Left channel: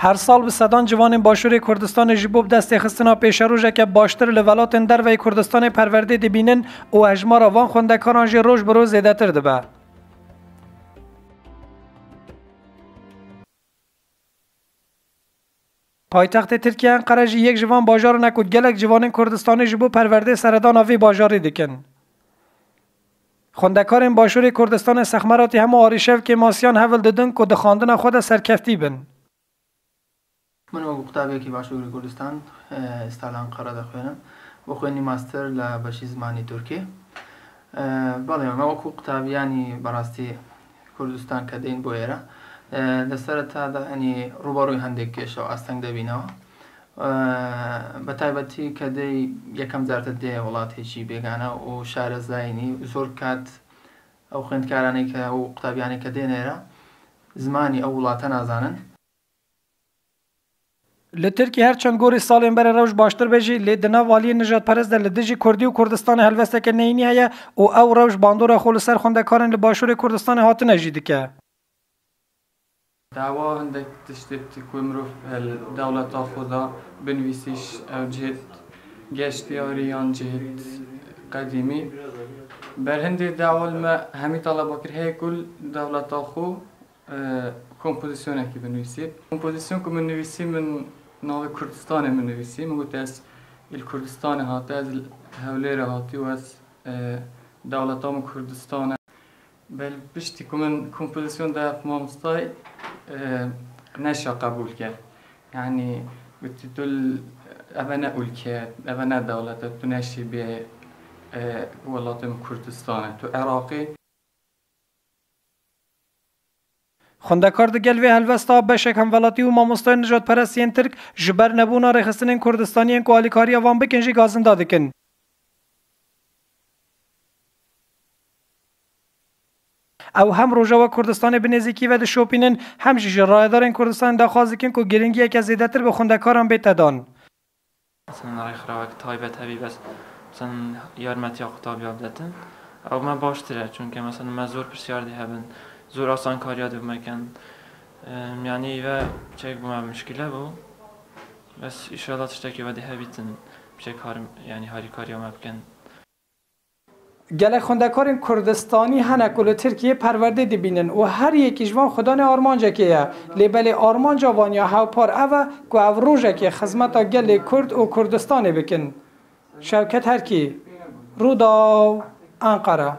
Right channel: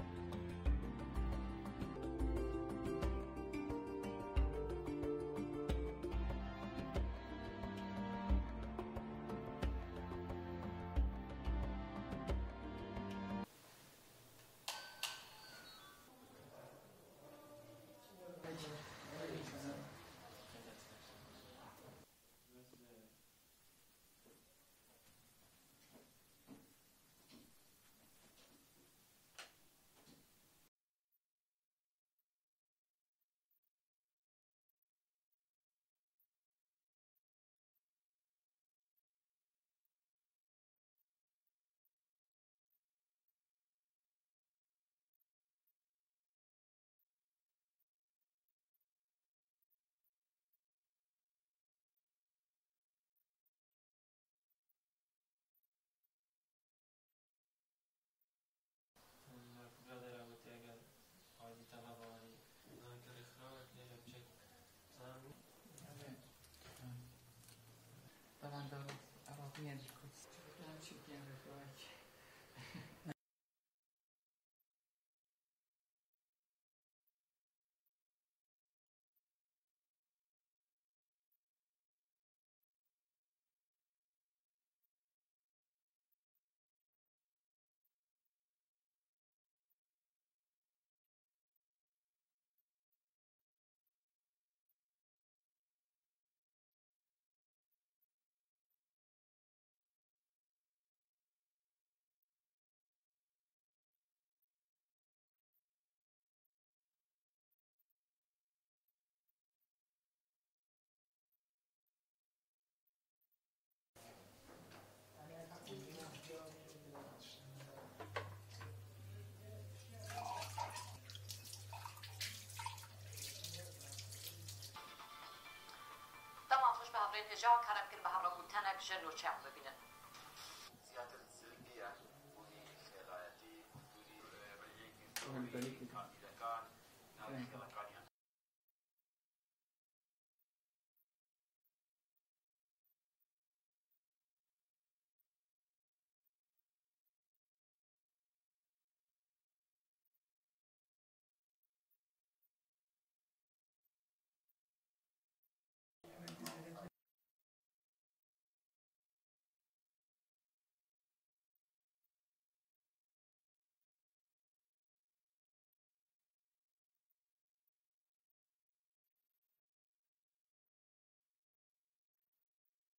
هر سال به صدان جوان باشور کردستان جبوب دست خستنا پیش روژه که باشتر لولات در و کردستان پرورده دبینن و اجمار آوان خوندکاران جی روش برو زیده تر دبه. پایتخت ترکیه انقره یک جوان باجار نکود گلک جوان کردستان جبو پرورده سردان آوی باجاری. خوندکار باشور کردستان سخمراتی همه آریشف که ماسیان هول ددن که دخاندن خود سرکفتی بن. من وەکو قوتابێکی باشووری کوردستان ئێستا لە ئەنقەرە دەخوێنم. بۆ خوێنی ماستەر لە بەشی زمانی تورکی. بەڵێ ئەمە وەکو قوتابیانی بەڕاستی کوردستان کە دەین بۆ ئێرە. لەسرە تادا ئەنی ڕوبەڕووی هەندێک کێشەوە ئاستەنگ دەبینەوە. بە تایبەتی کە دەی یەکەم جارتە دێ وڵاتێکی بێگانە و شارەزایینی زۆر کات ئەو خوێندکارانەی کە و قوتابیانی کە دێنێرە زمانی ئەو وڵاتە نازانن. لی ترکی هر چند گوری سالین بر روش باشتر بجی لی دنا والی نجات پرست در لدجی کردی و کردستان هلوسته که نینی هیا و او روش باندور خول سر خونده کارن لی باشور کردستان هات نجیدی که دعوا هندك تشتت كومروف الدولة خدا بنويسيش او جهت گشتیاری یان جهت قدیمی بر هندی دعوا ما همی طلبا کر هی کل دولت خو کمپوزیسیون کی بنویسید کمپوزیسیون که بنویسی من ناو کردستان هم نویسیم و از الكردستان هاته از هولیر هاتی و از دولت هم کردستان. بل بشتی که من کمپوزیسیون در مامستای آه، نشا قبول کرد. یعنی قلت دل أبنا أولكات أبنا دولة تناشي آه، ب ولاتم كردستان تو عراقی خوندکار دگل وی هلوستا بشک هم ولاتی و ماموستای نجات پرستین ترک جبر نبونا رخصتن کردستانیان که آلیکاری وان بکن جی گازن دادکن او هم روژه و کردستان بنزیکی و شوپینن هم جیج رایدارن کردستان دا خوازکن که گرنگی یک از زیدتر به خوندکاران بیت دان مثلا رای خراک تایبت هبی بس مثلا یارمتی آقتاب یاب دتن او من باشتره چون که مثلا مزور پرسیار دی هبن زور آسان کاریا دو مکن یعنی و چه بوم مشکله بو بس ایشالا تشتکی و دی هبیتن بشه کار یعنی هاری کاریا مبکن گله خوندکار کردستانی هنه کل ترکیه پرورده دبینن و هر یکی جوان خدان آرمانجا که لیبل آرمانجا وانیا هاو پار اوه که او روژه که خزمتا گل کرد و کردستان بکن شوکت هرکی رودا انقره